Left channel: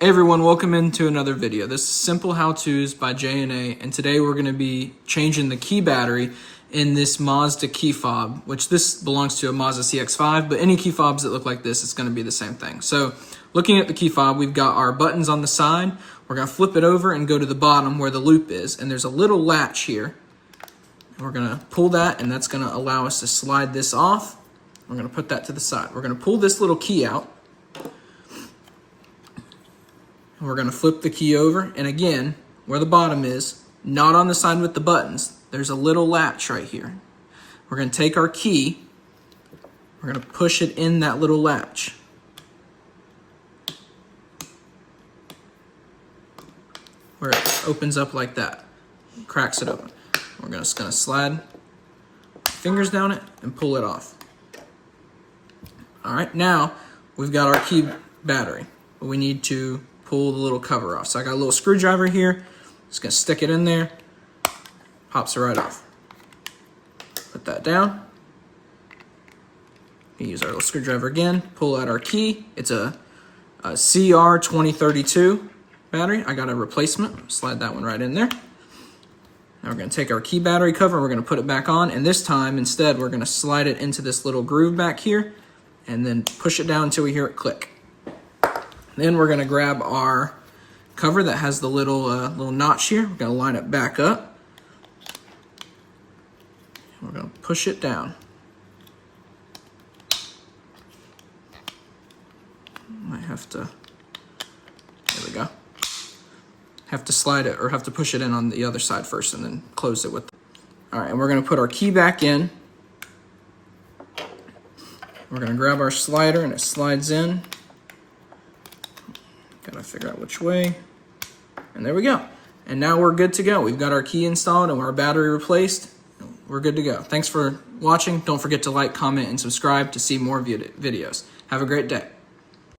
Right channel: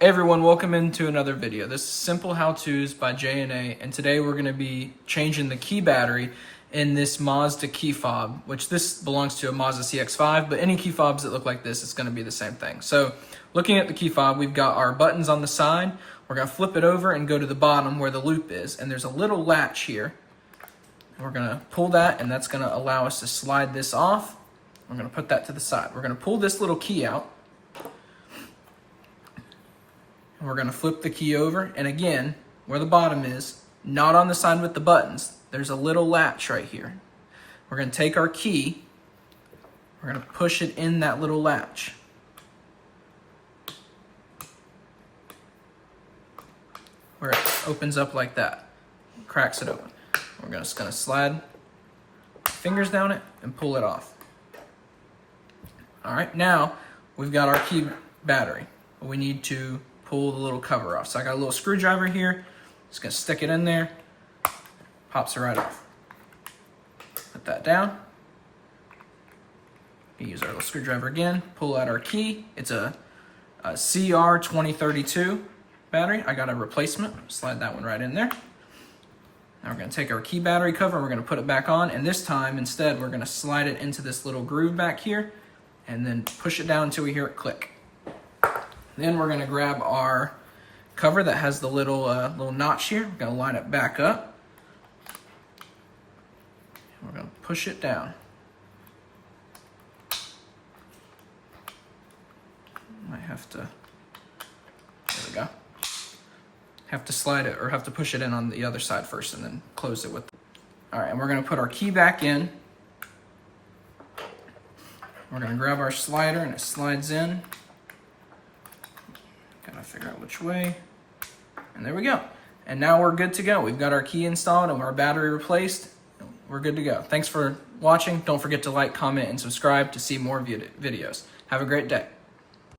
Hey everyone, welcome into another video. This is Simple How-Tos by J&A, and today we're going to be changing the key battery in this Mazda key fob, which this belongs to a Mazda CX-5, but any key fobs that look like this, it's going to be the same thing. So looking at the key fob, we've got our buttons on the side. We're going to flip it over and go to the bottom where the loop is, and there's a little latch here. We're going to pull that, and that's going to allow us to slide this off. We're going to put that to the side. We're going to pull this little key out. And we're going to flip the key over, and again, where the bottom is, not on the side with the buttons, there's a little latch right here. We're going to take our key, we're going to push it in that little latch. Where it opens up like that, cracks it open. We're just going to slide our fingers down it and pull it off. All right, now we've got our key battery, but we need to pull the little cover off. So I got a little screwdriver here. Just gonna stick it in there. Pops it right off. Put that down. We use our little screwdriver again. Pull out our key. It's a CR2032 battery. I got a replacement. Slide that one right in there. Now we're gonna take our key battery cover and we're gonna put it back on. And this time, instead, we're gonna slide it into this little groove back here and then push it down until we hear it click. Then we're going to grab our cover that has the little notch here. We're going to line it back up. We're going to push it down. Might have to, there we go. Have to slide it, or have to push it in on the other side first and then close it with. All right, and we're going to put our key back in. We're going to grab our slider and it slides in. Gotta figure out which way. And there we go. And now we're good to go. We've got our key installed and our battery replaced. We're good to go. Thanks for watching. Don't forget to like, comment, and subscribe to see more videos. Have a great day.